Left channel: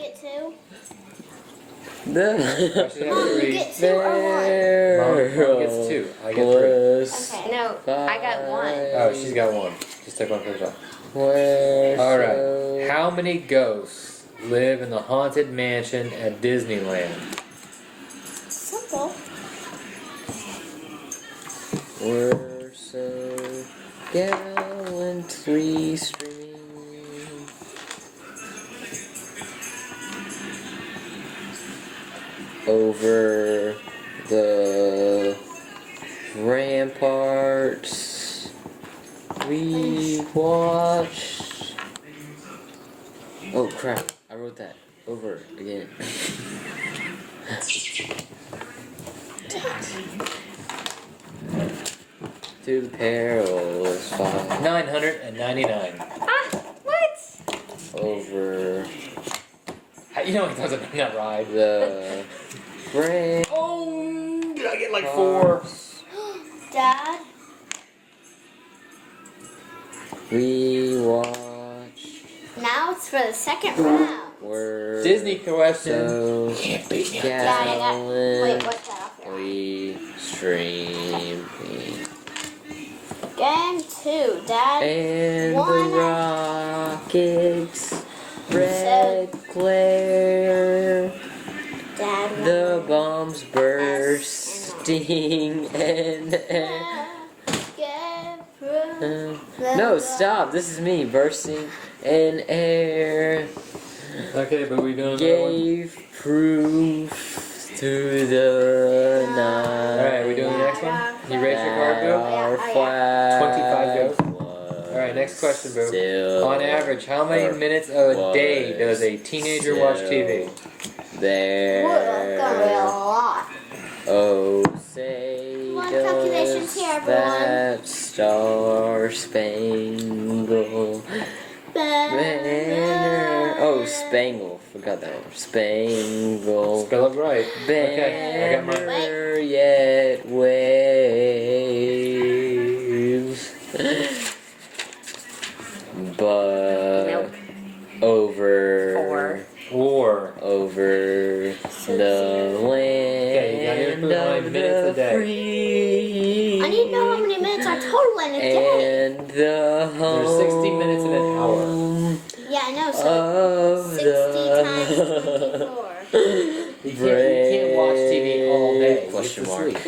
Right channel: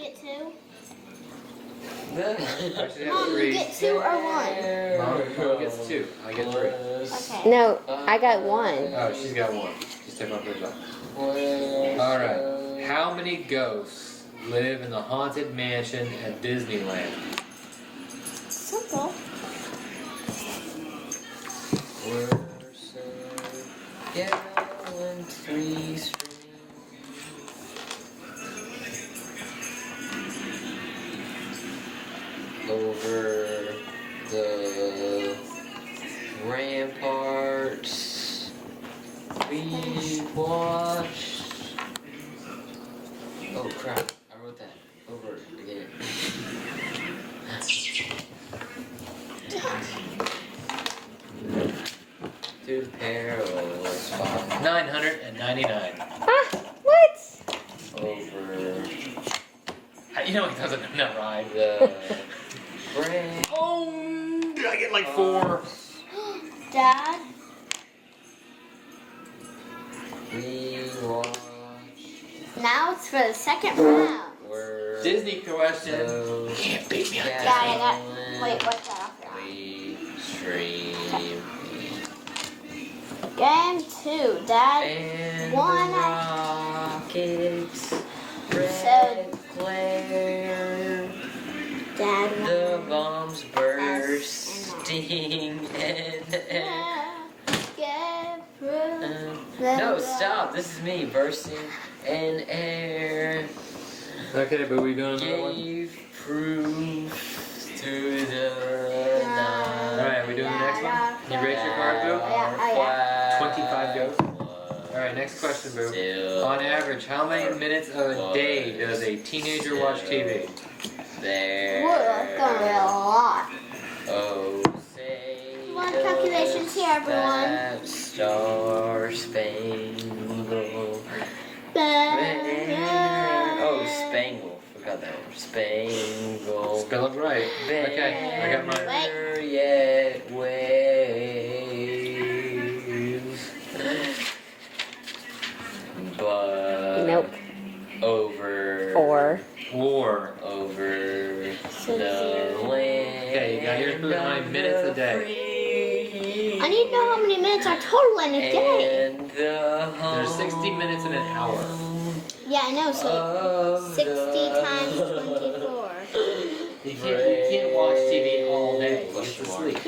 get 2? The Mom, you get 2 or 1? Mom gets 2. I get 3. Okay. No, I got 1. Oh, she's got 1. Just take one for yourself. Where's Alright. How many ghosts live in the Haunted Mansion at Disneyland? Simple. We're so gallantly streaming over the ramparts. We watch. Oh crap! I wrote that over again. To the perilous fight 999. What? over You know what doesn't in that ride? the ramparts. Oh, did I get like 4? Dad? We watch. Now it's for the second round. We're Disney question. so Can't beat me. Dad, I got. Wait, what's that off your eye? we stream Game 2, Dad. and One. the rockets red glare. Dad, The bombs bursting and no, stop! This is me bursting in air. Okay, but we doing another one? Gave proof to the night. Alright, we doing the next one? You raise your card, Boo? Our Yeah, flag 25 goes. was Alright, next question, Boo. still On average, how many minutes a day does a teenager watch TV? there. We're gonna be a lot. Oh, say Come on, calculations here, everyone. that star spangled banner. Oh, spangle. Forgot that one. Spangle. Spell it right. Okay, I got mine. Banner yet wave. But Nope. over 4. War. over So the 0. land. Okay, you gotta put how many minutes a day. I need to know how many minutes are total in a day. And the home. There's 60 minutes in an hour. Yeah, I know. So Of 60 the times 24. You can't watch TV all day. Question It's mark. asleep.